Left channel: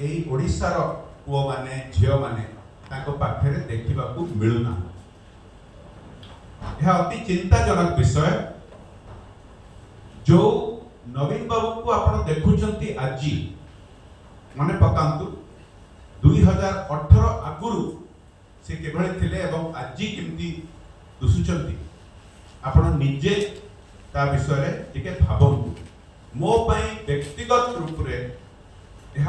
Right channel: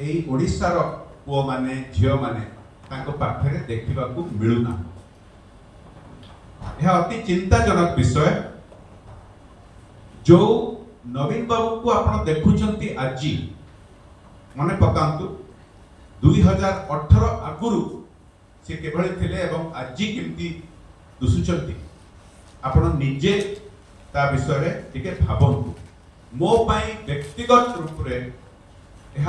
एई ओडिशार पुओ माने झियो माने तांको पाखरे देखिबाकू मिलुना। यह अति चिंताजनक विषय। जो नवीन बाबू को आपण देखुचंती आजी मने पकांतु 2018 आगुरु से केभଳି थिले एवं आजी केमती दुसुचंती आपण निजे ता विषय रे टिके भाबंतु। मो पई व्यक्तिगत रूप रे यह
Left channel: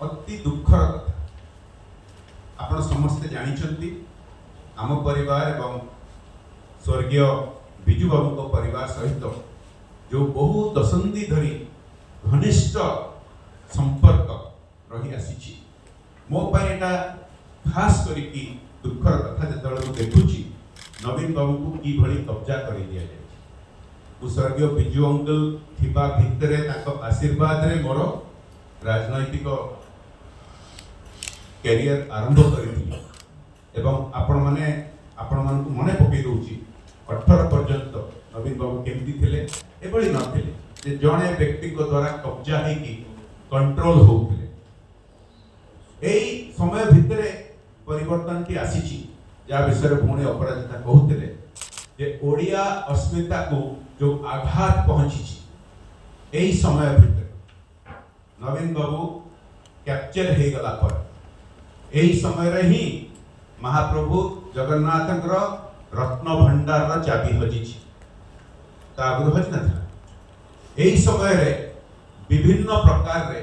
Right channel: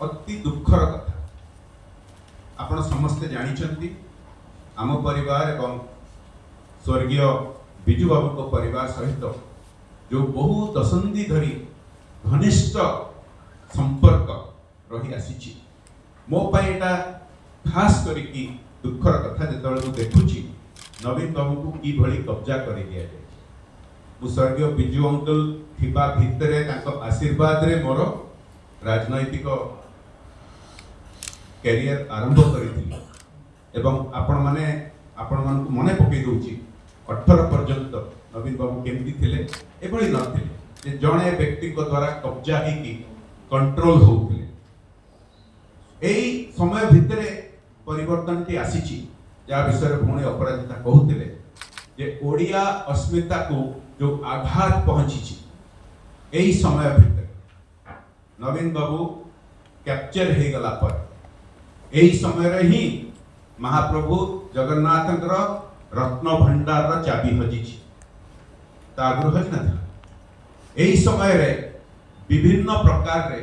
अति दुखर कथा। आपण समस्त जानिचंती आम परिवार एवं स्वर्गीय बिजू बाबू को परिवार सहित जो बहु दशंधि धरी घनिष्ठ संपर्क रही आसी मो पाई एटा खास करिकी दुखर कथा जेतबेले मु देखुची नवीन बाबू को की भली कब्जा करि दिया जाय। मु स्वर्गीय बिजू अंकल थिबा भितरे ताको आशीर्वाद रे मोर राजनैतिक कैरियर आरंभ करिथिली एवं आपण मन मने पकई दउची 18 पर्यंत नवीन बाबू केमती थिले एभली नथिले जे जणे व्यक्ति को द्वारा कब्जा हेकी कंट्रोल होउथिले। एई समय भितरे परिवर्तन टी आसीची जा विषय भूणी अपराजिता कहूथिले जे ओडिया अस्मिता को जो आघात पहुंची एई समय भितरे नवीन बाबू कैप्चर हे गला पर एई समय रे ही महाप्रभु जगन्नाथकर रत्न भंडार रा चाबी हजिची ता आगुर हज नथिला। एई समय रे विभिन्न प्रकार रे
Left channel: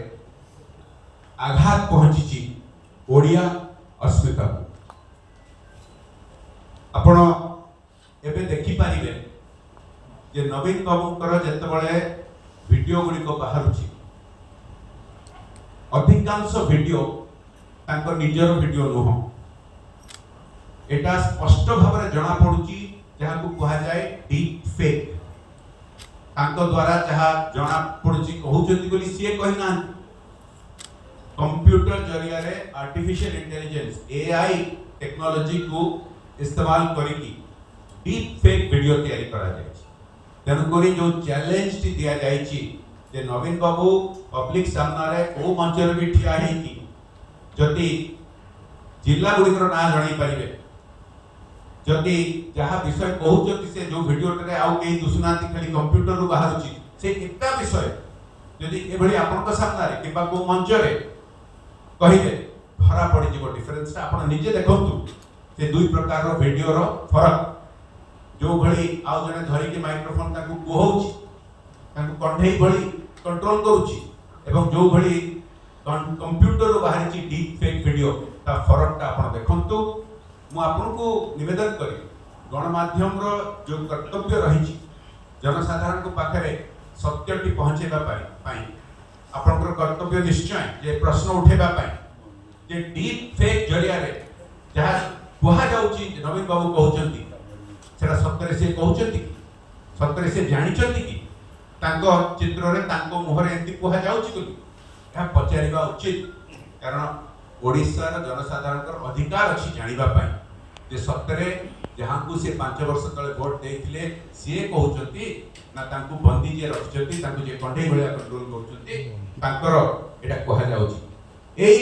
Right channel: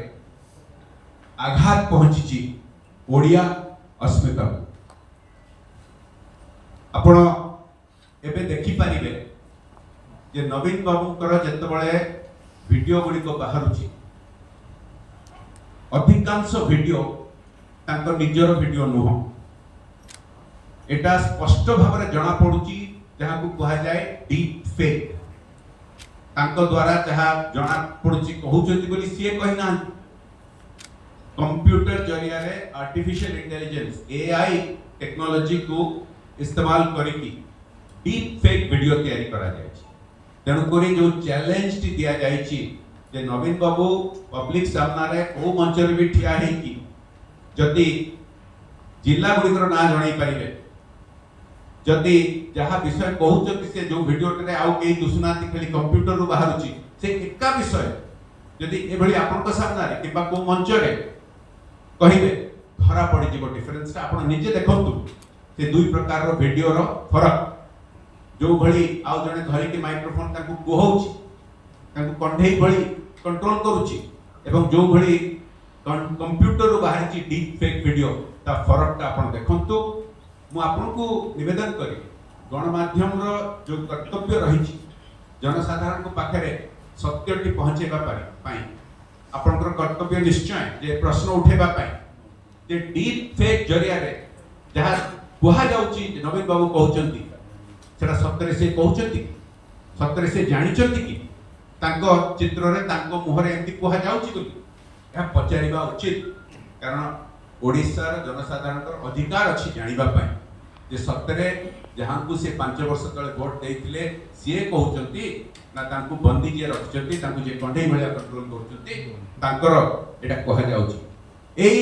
आघात पहुंची ओडिया अस्मिता को। आपण एबे देखि पारिबे जे नवीन बाबूकर जेतबळे वीडियो गुडी को बाहरुची अधिकांश वीडियो तांको निजर वीडियो नुह। एटा स्पष्ट भाव में जना पड़ुची जहाँ को कहा जाए डीप फेक। तांको द्वारा जहाँ जना पड़ुची कहउचंती बोली सीए कहिना कंप्यूटर जरिया रे आर्टिफिशियल इंटेलिजेंस एआई टेक्नोलॉजी को इस्तेमाल करिकी डीप फेक वीडियो तैयारी करा जाय। तेनु करी जो चैलेंज टी दिया जायची जे नवीन बाबू पब्लिक सामना रे ओ मंच रे भी ठिया हे की जदि जिला गुड़िकर ना जणाई पारिबे जदि जहाँ विषय कहउचंती से जो वीडियो रे आउ के दुसुनाती खाली कंप्यूटर रु बाहरुची से एका विषय जदि एभली आपनका सामना रे किबा को मंच रे कहिबे धरा पड़ी जीवो डिफरेंस आपण निजे देखंतु से दुई प्रकार रो वीडियो रो फरक। जो भली आउ जने धरि के माइक्रोफोन ताकू कोहउची ताकू कंठेई भली कंट्रोल करूची एवं जो भली कंप्यूटर रो बाहरची डीप फेक वीडियो ता फरक ता आपण देखंतु। मु आपन को निवेदन करी गणमाध्यम रो जो कर्तव्य रही जनसाधारण को पाखरे सत्यटी पहुंचेबा पाई आपनकर कर्तव्य निश्चय जे प्रश्न उठेबा पाई जे डीप फेक जरिया रे जहा कुहा जाउची नवीन बाबू कहउचंती सेरा सत्य से कहउचंती सत्य से जानिचंती कि तांको चित्र रे तांको मुहरे एंती कुहा जाउची बोली या पचारिबा उचित। कारण ओडिसा रो जनसाधारण कर अधिकार अछि जानिबा पाई जे सत्य जहाँ को से 5 वर्ष तले वोट देइथिले सीए कहउचंती ना तांको बंदी जे रखचंती तांको जे कंठेई भलिया कंट्रोल करचंती तांकर एटा कहा जाउची। एई